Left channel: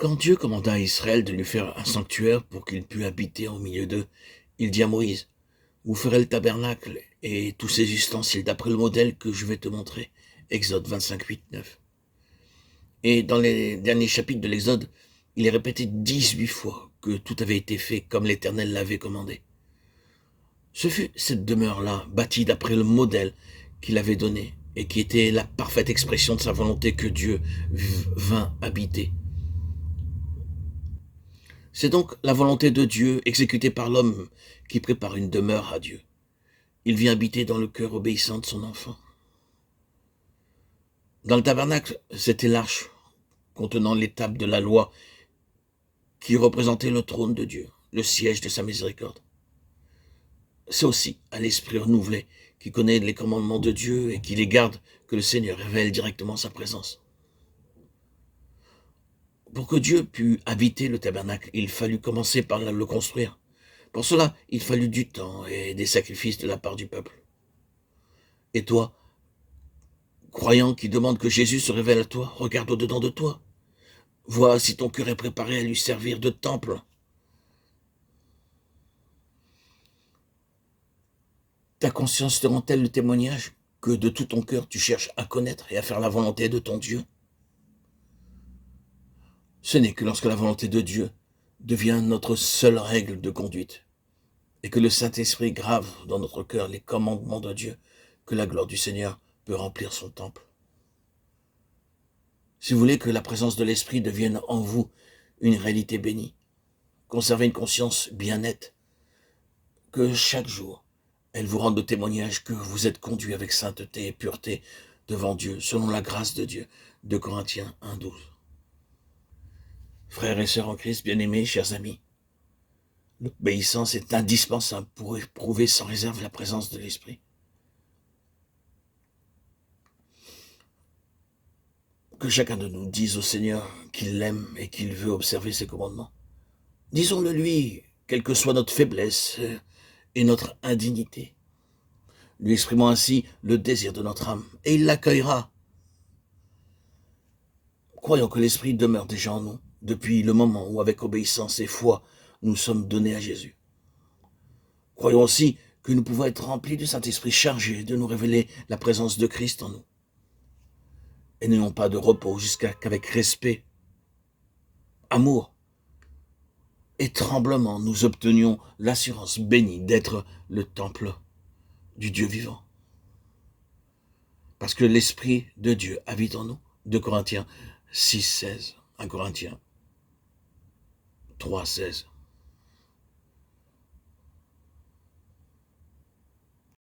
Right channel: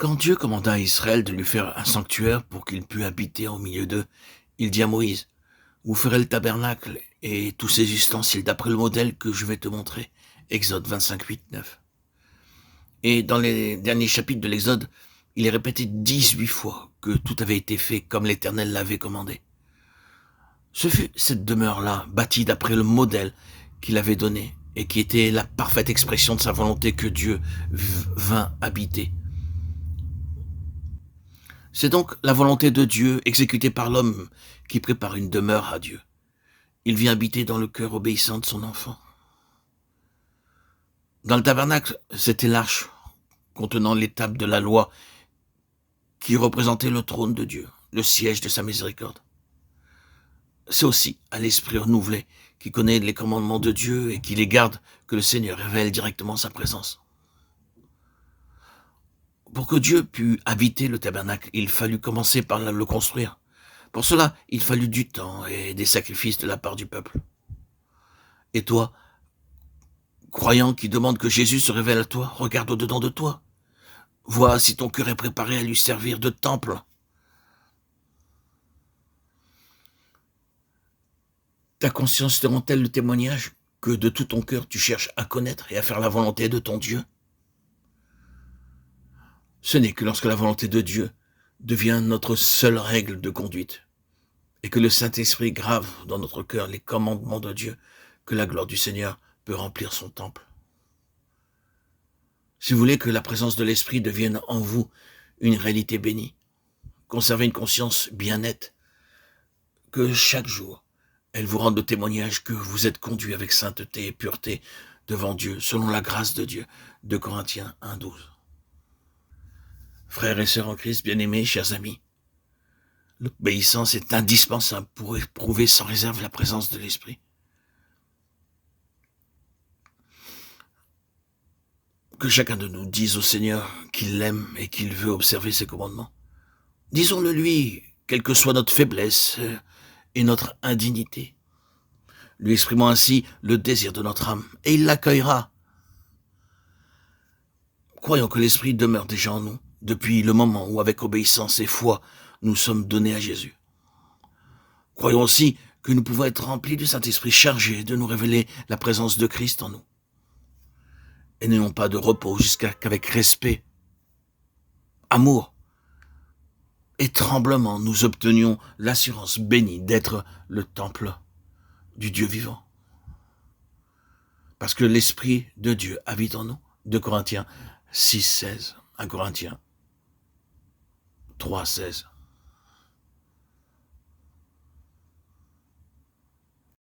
Quand Dieu commanda à Israël de lui faire un sanctuaire pour qu'il pût habiter au milieu d'eux, il dit à Moïse, vous ferez le tabernacle et tous ses ustensiles d'après le modèle que je vais te montrer. Exode 25, 8, 9. Et dans les derniers chapitres de l'Exode, il est répété 18 fois que tout avait été fait comme l'Éternel l'avait commandé. Ce fut cette demeure-là, bâtie d'après le modèle qu'il avait donné, et qui était la parfaite expression de sa volonté que Dieu vint habiter. C'est donc la volonté de Dieu exécutée par l'homme qui prépare une demeure à Dieu. Il vient habiter dans le cœur obéissant de son enfant. Dans le tabernacle, c'était l'arche contenant l'étape de la loi qui représentait le trône de Dieu, le siège de sa miséricorde. C'est aussi à l'esprit renouvelé qui connaît les commandements de Dieu et qui les garde que le Seigneur révèle directement sa présence. Pour que Dieu pût habiter le tabernacle, il fallut commencer par le construire. Pour cela, il fallut du temps et des sacrifices de la part du peuple. Et toi, croyant qui demande que Jésus se révèle à toi, regarde au-dedans de toi. Vois si ton cœur est préparé à lui servir de temple. Ta conscience te rend-elle le témoignage que de tout ton cœur tu cherches à connaître et à faire la volonté de ton Dieu? Ce n'est que lorsque la volonté de Dieu devient notre seule règle de conduite et que le Saint-Esprit grave dans notre cœur les commandements de Dieu que la gloire du Seigneur peut remplir son temple. Si vous voulez que la présence de l'Esprit devienne en vous une réalité bénie, conservez une conscience bien nette, que chaque jour, elle vous rende le témoignage que vous êtes conduit avec sainteté et pureté devant Dieu, selon la grâce de Dieu. 2 Corinthiens 1, 12. Frères et sœurs en Christ, bien-aimés, chers amis, l'obéissance est indispensable pour éprouver sans réserve la présence de l'Esprit. Que chacun de nous dise au Seigneur qu'il l'aime et qu'il veut observer ses commandements. Disons-le lui, quelle que soit notre faiblesse et notre indignité, lui exprimant ainsi le désir de notre âme, et il l'accueillera. Croyons que l'Esprit demeure déjà en nous, depuis le moment où, avec obéissance et foi, nous sommes donnés à Jésus. Croyons aussi que nous pouvons être remplis du Saint-Esprit chargé de nous révéler la présence de Christ en nous. Et n'ayons pas de repos jusqu'à qu'avec respect, amour et tremblement, nous obtenions l'assurance bénie d'être le temple du Dieu vivant. Parce que l'Esprit de Dieu habite en nous. 2 Corinthiens 6, 16. 1 Corinthiens 3, 16.